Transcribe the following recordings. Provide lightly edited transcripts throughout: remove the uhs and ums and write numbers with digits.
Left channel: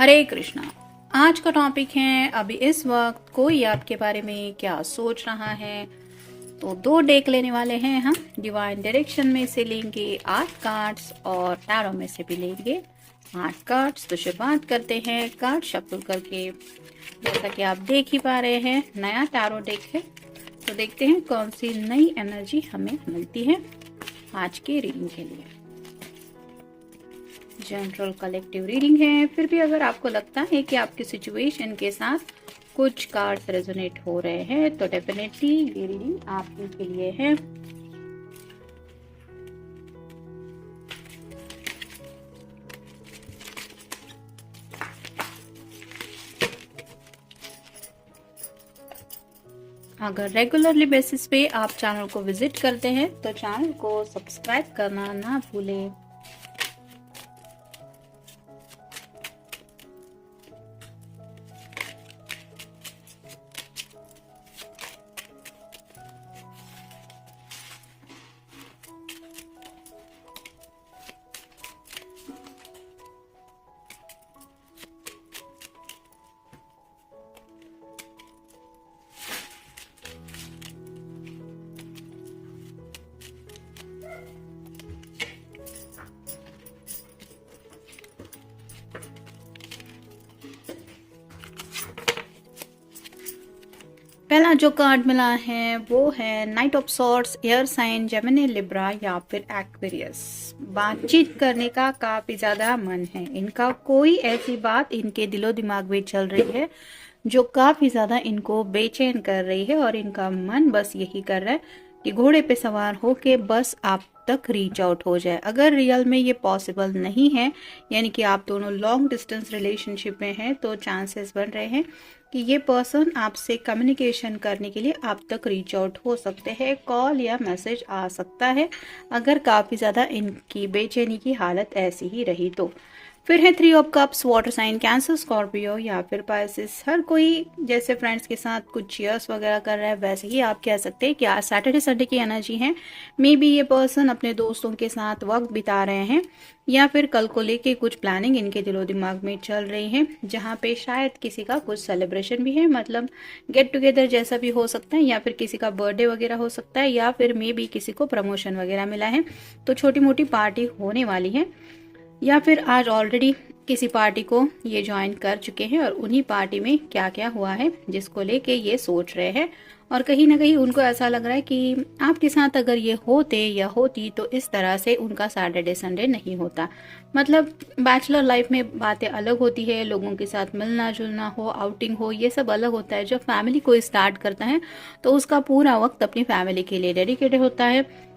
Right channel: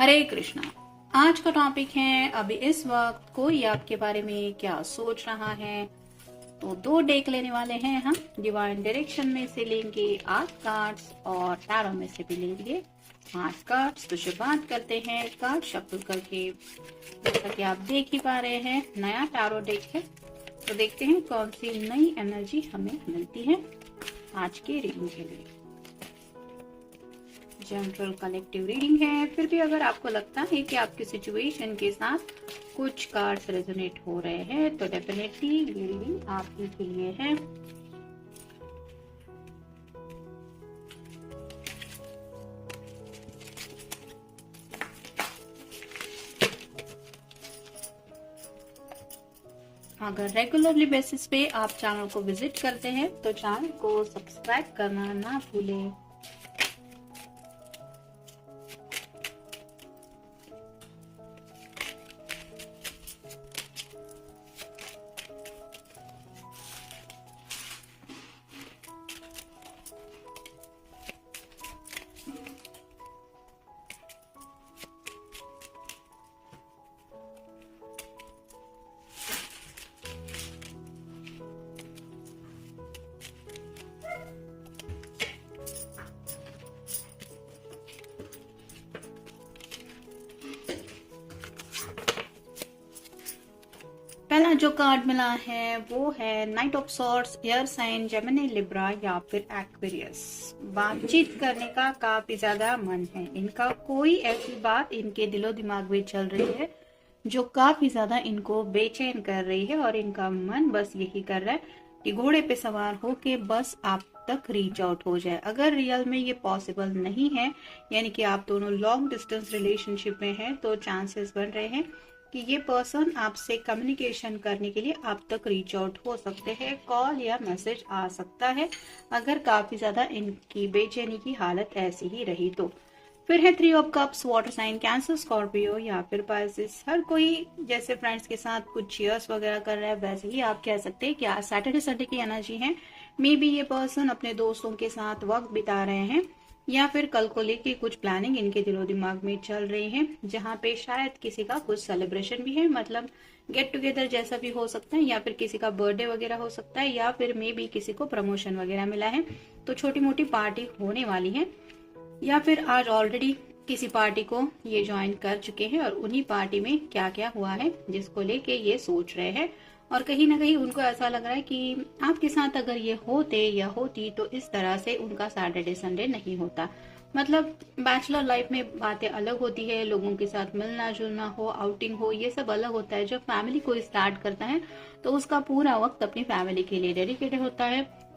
हरे कृष्णा। आज का टॉपिक है अभी इस वक्त कोई आपके बारे में क्या सोच रहा है। तो दो डेक लेने वाले हैं हम। डिवाइन डायरेक्शन में से लेंगे 8 कार्ड्स और टैरो में से भी लेंगे 8 कार्ड्स। तो शुरुआत करते हैं कार्ड शफल करके। जैसा कि आप देख ही पा रहे हैं नया टैरो डेक है। तो देखते हैं कौन सी नई एनर्जी हमें मिलती है आज के रीडिंग के लिए। जनरल कलेक्टिव रीडिंग है, फिर भी अगर आपको लगता है कि आपकी सिचुएशन के साथ कुछ कार्ड्स रेजोनेट हो रहे हैं तो डेफिनेटली ये रीडिंग आपके लिए है। अगर रेगुलरली बेसिस पे आप चैनल को विजिट करते हैं तो चैनल को सब्सक्राइब करना ना भूलें। पहला जो कार्ड मिला है वो है knight of swords, air sign, Gemini, Libra या फिर एक्वेरियस। बातचीत करने का काफी ज्यादा मन है इनका। कोई ऐसी बात इनके दिलो दिमाग में चल रही है जो काफी ज्यादा इनको बेचैन कर रही है और इनका मन बस यही कर रहा है कि घोड़े पे सवार होके बस आप तक रीच आउट हो जाए। अगर रियल में ये पॉसिबल नहीं है, यानी कि आप दोनों लॉन्ग डिस्टेंस रिलेशनशिप में हैं, तो चांसेस बन रहे हैं कि ये पर्सन आपसे कम्युनिकेशन करने के लिए आप तक रीच आउट हो सकते हैं। कॉल या मैसेज आ सकता है अगर काफी ज्यादा इनकी बेचैनी की हालत ऐसी ही रही तो। फिर है 3 of cups, water sign, Cancer, Scorpio या फिर पाइसिस। हर कोई जैसे फ्रेंड्स के साथ कुछ चीयर्स वगैरह कर रहा है वैसे ही आप कह सकते हैं कि आज सैटरडे संडे की एनर्जी है। मे बी ये पर्सन अपने दोस्तों के साथ वक्त बिता रहे हैं या फिर कल को लेके कुछ प्लानिंग इनके दिलो दिमाग में चल रही है, जहाँ पे शायद किसी का कुछ सेलिब्रेशन भी है, मतलब गेट टुगेदर जैसा भी हो सकता है, या फिर किसी का बर्थडे वगैरह हो सकता है, या फिर मे बी किसी को प्रमोशन वगैरह मिला है तो छोटी मोटी पार्टी होने वाली है, या फिर आज ऑलरेडी किसी पार्टी को ये ज्वाइन कर चुके हैं और उन्हीं पार्टी में क्या क्या हुआ है जिसको लेके ये सोच रहे हैं। और कहीं ना कहीं उनको ऐसा लग रहा है कि आपके साथ अगर ये होते या होती तो इस तरह से उनका सैटरडे संडे नहीं होता। मतलब बैचलर लाइफ में बातें अलग होती है, लोगों के साथ मिलना जुलना हो, आउटिंग हो, ये सब अलग होता है। जब फैमिली को स्टार्ट करता है तो उसका पूरा वक्त अपनी फैमिली के लिए डेडिकेटेड होता है।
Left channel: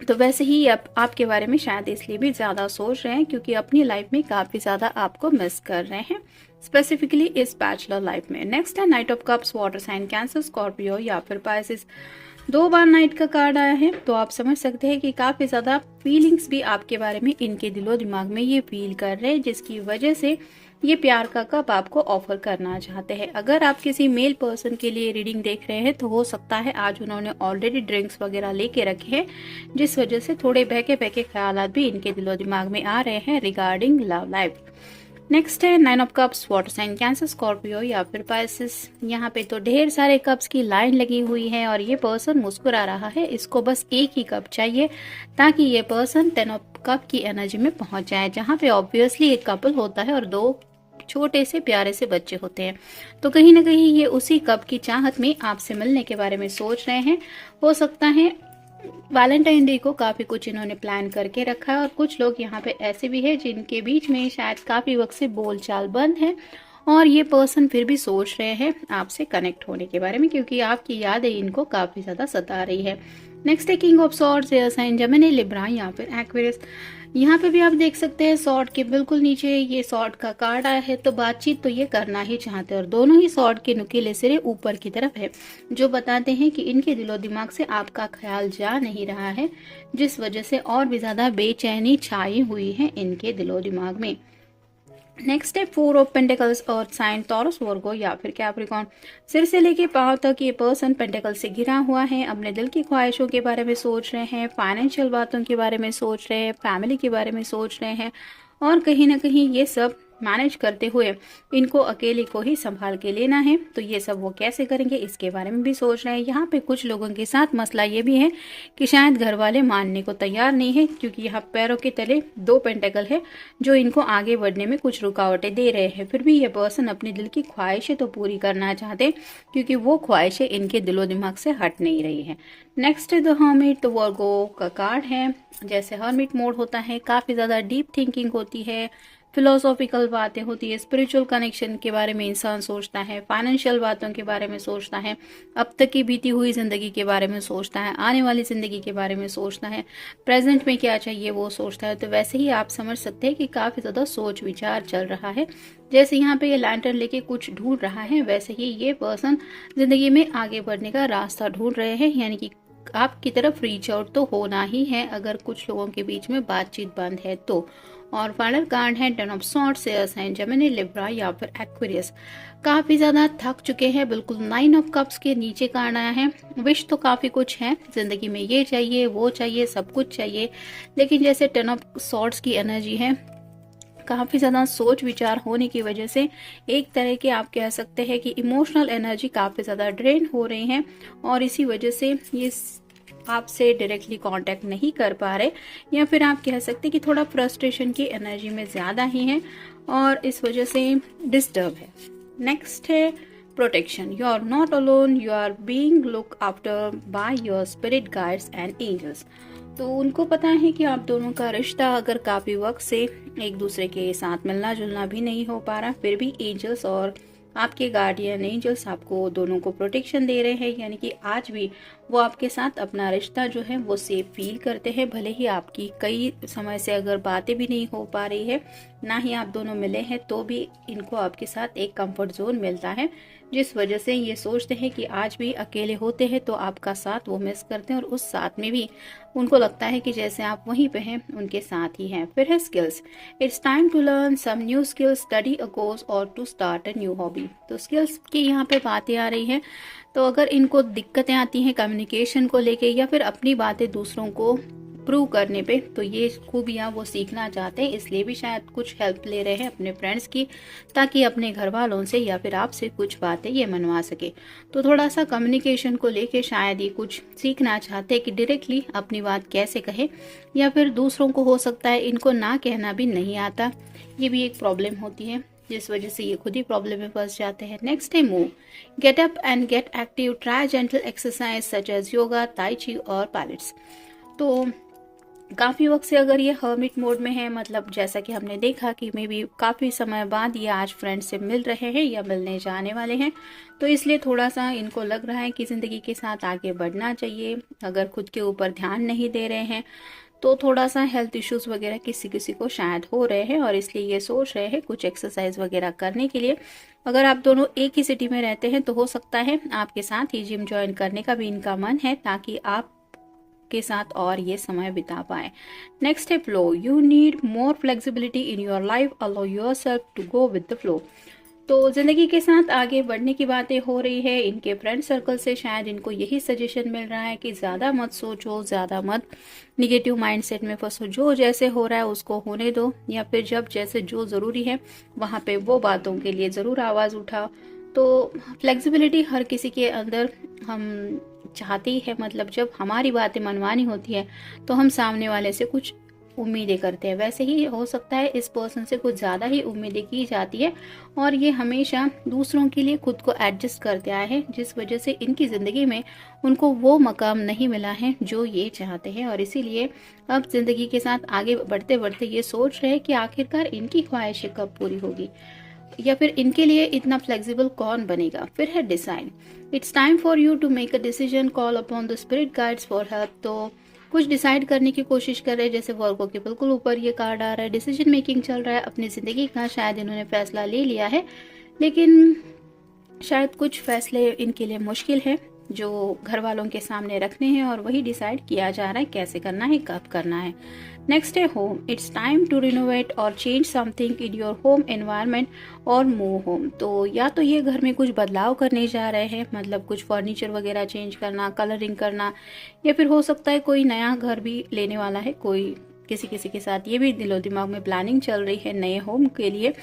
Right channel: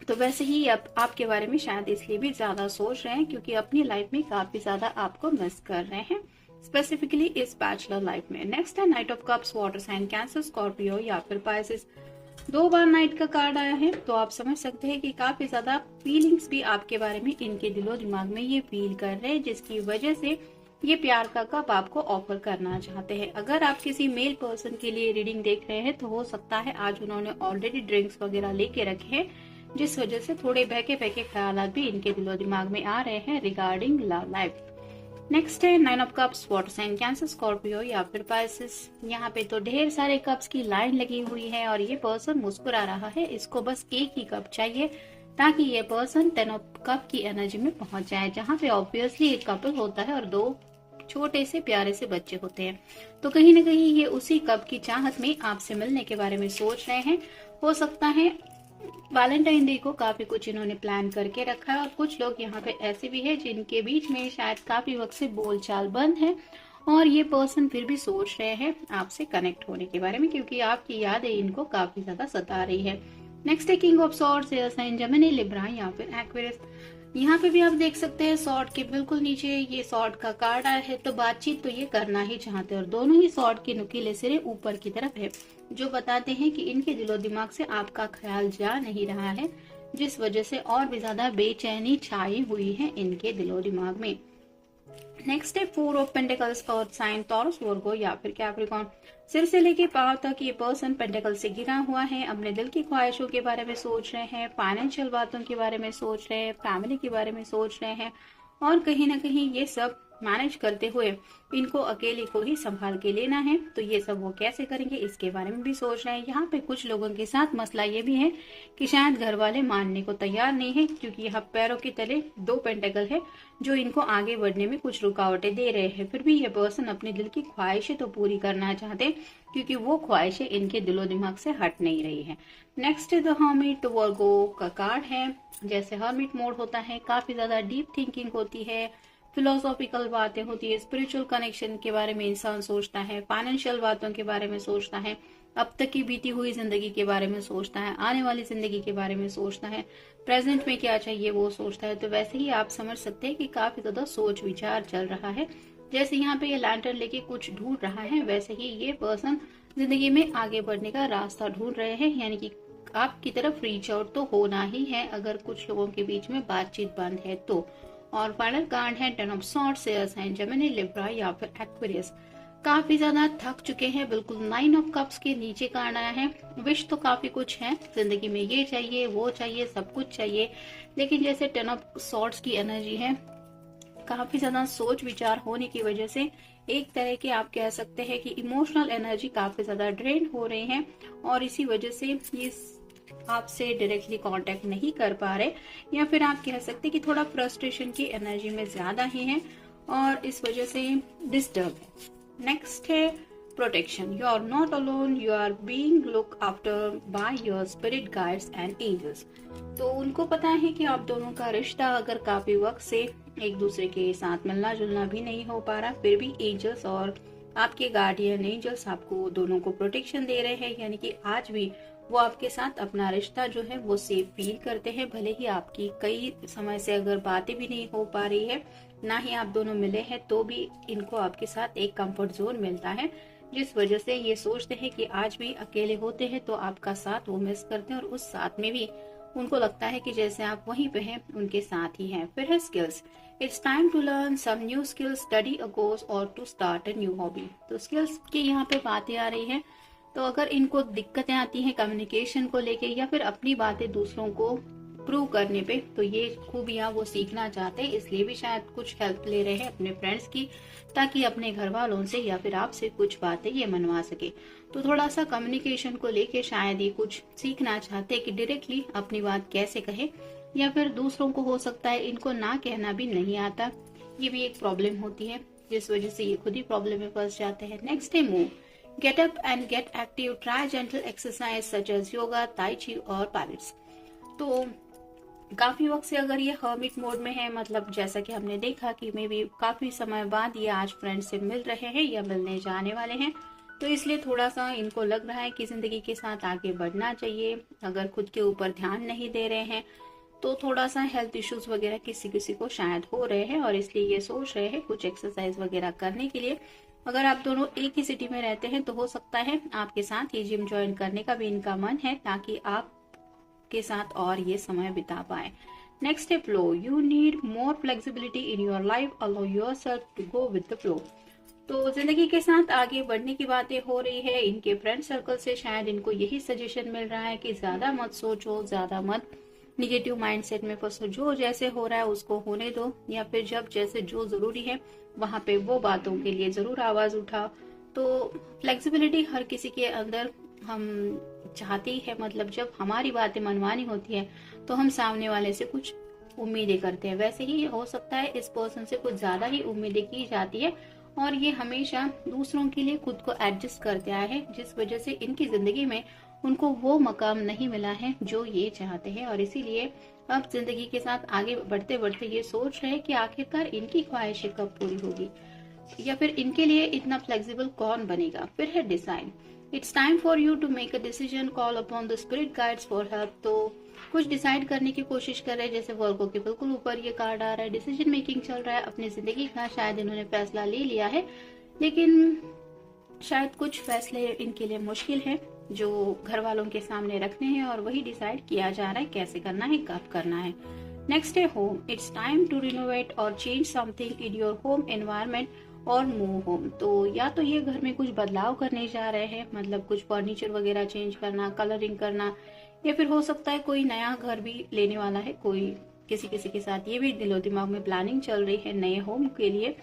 तो वैसे ही आपके बारे में शायद इसलिए भी ज्यादा सोच रहे हैं क्योंकि अपनी लाइफ में काफी ज्यादा आपको मिस कर रहे हैं, स्पेसिफिकली इस बैचलर लाइफ में। नेक्स्ट है knight of cups, water sign, Cancer, Scorpio या फिर पाइसिस। 2 बार नाइट का कार्ड आया है तो आप समझ सकते हैं कि काफी ज्यादा फीलिंग्स भी आपके बारे में इनके दिलो दिमाग में ये फील कर रहे हैं, जिसकी वजह से ये प्यार का कप आपको ऑफर करना चाहते हैं। अगर आप किसी मेल पर्सन के लिए रीडिंग देख रहे हैं तो हो सकता है आज उन्होंने ऑलरेडी ड्रिंक्स वगैरह लेके रखे हैं, जिस वजह से थोड़े बहके बहके ख्यालात भी इनके दिलो दिमाग में आ रहे हैं रिगार्डिंग लव लाइफ। नेक्स्ट है 9 of cups, water sign, Cancer, Scorpio या फिर पाइसिस। यहाँ पे तो ढेर सारे कप्स की लाइन लगी हुई है और ये पर्सन मुस्कुरा रहा है। इसको बस एक ही कप चाहिए ताकि ये पर्सन 10 ऑफ कप की एनर्जी में पहुंच जाए, जहाँ पे ऑब्वियसली एक कपल होता है और 2 छोटे से प्यारे से बच्चे होते हैं। तो कहीं ना कहीं ये उसी कप की चाहत में आपसे मिलने के बारे में सोच रहे हैं। हो सकता है वैलेंटाइन डे को काफी कुछ इन्होंने प्लान करके रखा है और कुछ लोग यहाँ पे ऐसे भी है जिनके बीच में शायद काफी वक्त से बोलचाल बंद है और ये पर्सन फिर भी सोच रहे हैं आपसे कनेक्ट होने के बारे में, क्योंकि आपकी यादें इनको काफी ज्यादा सता रही है। नेक्स्ट है king of swords, air sign, Gemini, Libra या फिर एक्वेरियस। यहाँ पे भी आप देख सकते हैं सॉर्ड के बिल्कुल नीचे ये सॉर्ड का कार्ड आया है। तो बातचीत तो ये करना ही चाहते हैं और दोनों ही सॉर्ड के नुकीले सिरे ऊपर की तरफ है, जो बताते हैं कि इनके दिलो दिमाग से आपका ख्याल जा नहीं रहा है, जिस वजह से और भी ज्यादा बेचैनी छाई हुई है इनके दिलो दिमाग में। नेक्स्ट है 4 of pentacles, earth sign, Taurus, Virgo या फिर कैप्रिकॉर्न। सिर से लेके पांव तक ये पर्सन पेंटिकल से घिरा हुआ है। अपने दिल की ख्वाहिशों के बारे में सोच रहे हैं, फाइनेंशियल बातों के बारे में सोच रहे हैं, फैमिली के बारे में सोच रहे हैं और कहीं ना कहीं ये सब मैनेज करते हुए इनको अकेले को ही संभाल के लेना है। तो ये सब वो कैसे करेंगे इसके बारे में भी सोच रहे हैं। यहाँ पे कुछ लोगों के साथ मसला ये भी है कि शायद घर वाले मानने को तैयार नहीं है, क्योंकि यहाँ पैरों के तले 2 पेंटेकल है जो इनको आगे बढ़ने में कुछ रुकावटें दे रहे हैं। फिर भी ये पर्सन अपने दिल की ख्वाहिशें तो पूरी करना चाहते, क्योंकि वो ख्वाहिशें इनके दिलो दिमाग से हट नहीं रही है। नेक्स्ट द हर्मिट, तो वर्गो का कार्ड है। जैसे हर्मिट मोड होता है, काफी ज्यादा डीप थिंकिंग होती है, फिलोसॉफिकल बातें होती है, स्पिरिचुअल कनेक्शन के बारे में इंसान सोचता है, फाइनेंशियल बातों के बारे में सोचता है, अब तक की बीती हुई जिंदगी के बारे में सोचता है, आने वाली जिंदगी के बारे में सोचता है, प्रेजेंट में क्या चाहिए वो सोचता है। तो वैसे ही आप समझ सकते हैं कि काफी ज्यादा सोच विचार चल रहा है। जैसे यहाँ पे ये लैंटर्न लेके कुछ ढूंढ रहा है, वैसे ही ये पर्सन जिंदगी में आगे बढ़ने का रास्ता ढूंढ रहे हैं, यानी कि आपकी तरफ रीच आउट तो होना ही है अगर कुछ लोगों के बीच में बातचीत बंद है तो। और फाइनल कार्ड है 10 of swords, air sign Gemini, Libra या फिर एक्वेरियस। काफी ज्यादा थक चुके हैं, बिल्कुल 9 ऑफ कप्स के नीचे कार्ड आया है। विश तो काफी कुछ है जिंदगी में, ये चाहिए वो चाहिए सब कुछ चाहिए, लेकिन जैसे 10 ऑफ सॉर्ड्स की एनर्जी है, काफी ज्यादा सोच विचार होने की वजह से एक तरह के आप कह सकते हैं कि इमोशनल एनर्जी काफी ज्यादा ड्रेन हो रही है, और इसी वजह से ये आपसे डायरेक्टली कांटेक्ट नहीं कर पा रहे, या फिर आप कह सकते कि थोड़ा फ्रस्ट्रेशन की एनर्जी में ज्यादा ही है और इस वजह से डिस्टर्ब है। नेक्स्ट है protection, you are not alone, you are being look after by your spirit guides and angels. तो उनको पता है कि आप दोनों का रिश्ता अगर काफी वक्त से एक दूसरे के साथ मिलना जुलना भी नहीं हो पा रहा, फिर भी एंजल्स और आपके गार्डियन एंजल्स आपको दोनों को प्रोटेक्शन दे रहे हैं, यानी कि आज भी वो आपके साथ अपना रिश्ता जो है वो सेफ फील करते हैं। भले ही आपकी कई समय से अगर बातें भी नहीं हो पा रही है, ना ही आप दोनों मिले हैं, तो भी इनको आपके साथ एक कंफर्ट जोन मिलता है, जिस वजह से ये सोचते हैं कि आज भी अकेले होते हैं तो आपका साथ वो मिस करते हैं, और उस साथ में भी उनको लगता है कि जैसे आप वहीं पे हैं उनके साथ ही हैं। फिर है skills, it's time to learn some new skills, study a course और to start a new hobby. तो स्किल्स की यहाँ पे बातें आ रही है, तो अगर इनको दिक्कतें आती हैं कम्युनिकेशन को लेके या फिर अपनी बातें दूसरों को प्रूव करने पे, तो ये खूबियां वो सीखना चाहते हैं, इसलिए भी शायद कुछ हेल्प ले रहे हैं अपने फ्रेंड्स की, ताकि अपने घर वालों से या फिर आपसे कुछ बातें ये मनवा सके। तो थोड़ा सा कम्युनिकेशन को लेके शायद ये कुछ सीखना चाहते हैं कि डायरेक्टली अपनी बात कैसे कहे, या फिर दूसरों को हो सकता है इनको ना कहना भी नहीं आता, ये भी एक प्रॉब्लम होती है, जिस वजह से ये खुद ही प्रॉब्लम में फंस जाते हैं। नेक्स्ट है move, get up and get active, try gentle exercise such as yoga, tai chi और पैलेट्स। तो काफी वक्त से अगर ये हर्मिट मोड में है, मतलब जैसा कि हमने देखा कि मे बी काफी समय बाद ये आज फ्रेंड से मिल रहे हैं या मिलने जाने वाले हैं, तो इसलिए थोड़ा सा इनको लग रहा है कि जिंदगी के साथ आगे बढ़ना चाहिए। अगर खुद के ऊपर ध्यान नहीं दे रहे हैं तो थोड़ा सा हेल्थ इश्यूज वगैरह किसी किसी को शायद हो रहे हैं, और इसलिए ये सोच रहे हैं कुछ एक्सरसाइज वगैरह करने के लिए। अगर आप दोनों एक ही सिटी में रहते हैं तो हो सकता है आपके साथ ये जिम ज्वाइन करने का भी इनका मन है, ताकि आप के साथ और ये समय बिता पाए। नेक्स्ट है flow, you need more flexibility in your life, allow yourself to go with the flow. तो जिंदगी के साथ आगे बढ़ने की बातें हो रही है, इनके फ्रेंड सर्कल से शायद इनको यही सजेशन मिल रहा है कि ज्यादा मत सोचो, ज्यादा मत निगेटिव माइंडसेट में फंसो, जो जैसे हो रहा है उसको होने दो, या फिर जब जैसे जो जरूरी है वहां पे वो बातों के लिए जरूर आवाज उठाओ। तो फ्लेक्सिबिलिटी हर किसी के अंदर हम चाहते ही है, मतलब जब हमारी बातें मनवानी होती है तो हम सामने वाले से कुछ उम्मीदें करते हैं, वैसे ही हो सकता है इस पर्सन से कुछ ज्यादा ही उम्मीदें की जाती है, और ये हमेशा दूसरों के लिए खुद को एडजस्ट करते आए हैं, जिस वजह से इनकी जिंदगी में उनको वो मकाम नहीं मिला है जो ये चाहते हैं, और इसीलिए अब जिंदगी के साथ आगे बढ़ते बढ़ते ये सोच रहे हैं कि आखिरकार इनकी ख्वाहिशें कब पूरी होगी, या फिर इनके लिए इतना फ्लेक्सिबल कौन बनेगा। फिर है decide, it's time for you to make a decision, call upon the spirit guides for help. तो कुछ डिसाइड करने की कोशिश कर रहे हैं, जैसे वर्गो के बिल्कुल ऊपर ये कार्ड आ रहा है, डिसीजन मेकिंग चल रहा है, अपनी जिंदगी का शायद इन्होंने फैसला ले लिया है, लेकिन शायद कुछ फैसले इनके लिए मुश्किल है जो घर वालों के सामने रखने हैं, और वही डिसाइड किया जा रहा है कैसे करना है, कब करना है। नेक्स्ट है home, it's time to renovate और change something in your home environment और मूव होम। तो या तो ये घर में कुछ बदलाव करने जा रहे हैं, मतलब कुछ फर्नीचर वगैरह चेंज करना, कलरिंग करना, या फिर हो सकता है कोई नया घर भी लेने वाला है कोई किसी किसी के साथ ये भी दिलो दिमाग में प्लानिंग चल रही है नए होम के लिए।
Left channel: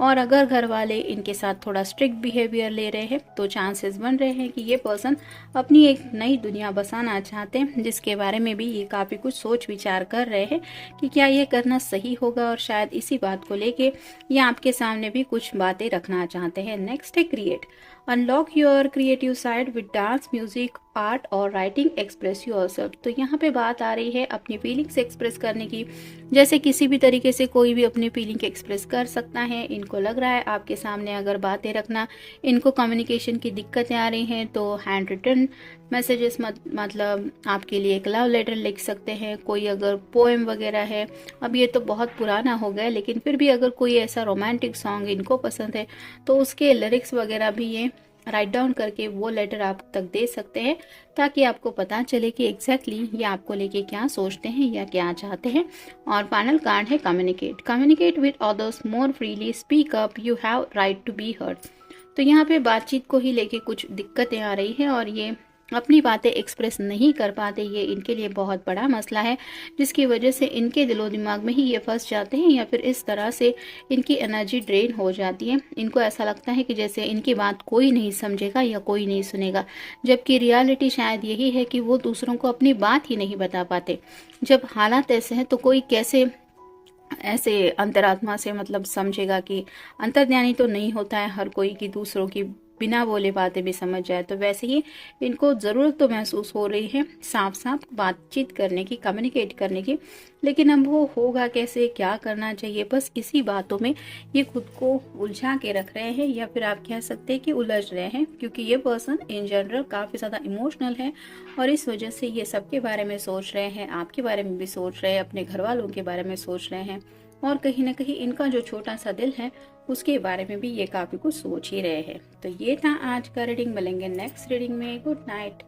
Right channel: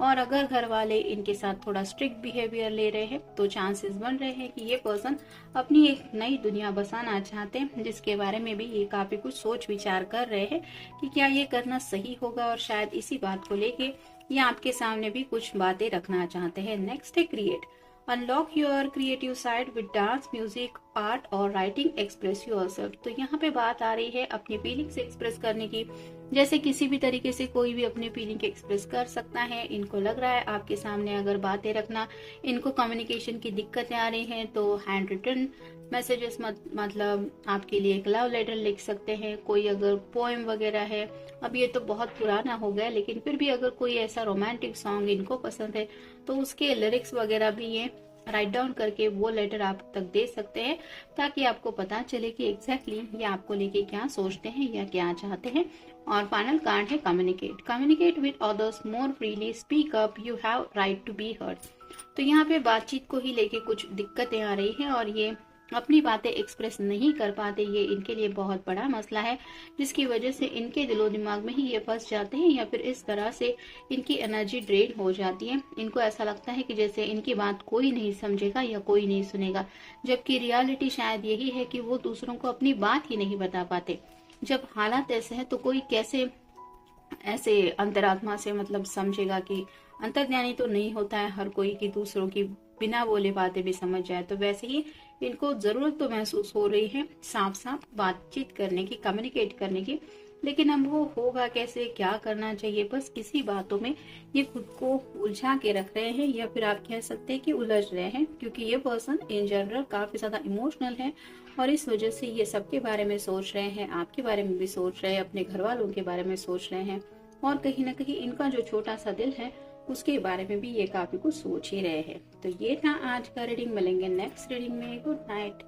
और अगर घर वाले इनके साथ थोड़ा स्ट्रिक्ट बिहेवियर ले रहे हैं तो चांसेस बन रहे हैं कि ये पर्सन अपनी एक नई दुनिया बसाना चाहते हैं, जिसके बारे में भी ये काफी कुछ सोच विचार कर रहे हैं कि क्या ये करना सही होगा। और शायद इसी बात को लेके ये आपके सामने भी कुछ बातें रखना चाहते हैं। नेक्स्ट है create. Unlock your creative side with dance, music, art और राइटिंग, एक्सप्रेस योरसेल्फ। तो यहाँ पे बात आ रही है अपनी फीलिंग्स एक्सप्रेस करने की। जैसे किसी भी तरीके से कोई भी अपनी फीलिंग एक्सप्रेस कर सकता है। इनको लग रहा है आपके सामने अगर बातें रखना, इनको कम्युनिकेशन की दिक्कतें आ रही हैं तो हैंड रिटन मैसेजेस मतलब आपके लिए एक लव लेटर लिख सकते हैं। कोई अगर पोएम वगैरह है, अब ये तो बहुत पुराना हो गया, लेकिन फिर भी अगर कोई ऐसा रोमांटिक सॉन्ग इनको पसंद है तो उसके लिरिक्स वगैरह भी ये राइट डाउन करके वो लेटर आप तक दे सकते हैं, ताकि आपको पता चले कि एग्जैक्टली ये आपको लेके क्या सोचते हैं या क्या चाहते हैं। और फाइनल कार्ड है communicate. Communicate with others more freely, speak up, you have right to be heard. तो यहाँ पे बातचीत को ही लेके कुछ दिक्कतें आ रही है और ये अपनी बातें एक्सप्रेस नहीं कर पाते। ये इनके लिए बहुत बड़ा मसला है, जिसकी वजह से इनके दिलो दिमाग में ही ये फंस जाते हैं या फिर इस तरह से इनकी एनर्जी ड्रेन हो जाती है। इनको ऐसा लगता है कि जैसे इनकी बात कोई नहीं समझेगा या कोई नहीं सुनेगा, जबकि रियलिटी शायद यही है कि वो दूसरों को अपनी बात ही नहीं बता पाते। जब हालात ऐसे हैं तो कोई कैसे ऐसे अंतरात्मा से मतलब समझेगा कि अंतर्ज्ञानी तो नहीं होता है हर कोई कि दूसरों की बिना बोले बातें भी समझ जाए। तो वैसे ही इनको जरूरत तो महसूस हो रही है साफ साफ बातचीत करने की, कम्युनिकेट करने की, लेकिन अब वो होगा कैसे, क्या करना चाहिए, बस इसी बातों में ये खुद को उलझा के रख रहे हैं, या फिर आप कह सकते हैं कि उलझ रहे हैं, क्योंकि ये पर्सन इन जनरल काफी ज्यादा इमोशनल है और इस वजह से ये सबके बारे में सोच रहे हैं, आपके बारे में भी सोच रहे हैं, अपने घर वालों के बारे में सोच रहे हैं, और कहीं ना कहीं इनका जो छोटा सा दिल है उसके बारे में भी ये काफी कुछ सोच ही रहे हैं। तो ये था आज का रीडिंग। मिलेंगे नेक्स्ट रीडिंग में। Good night.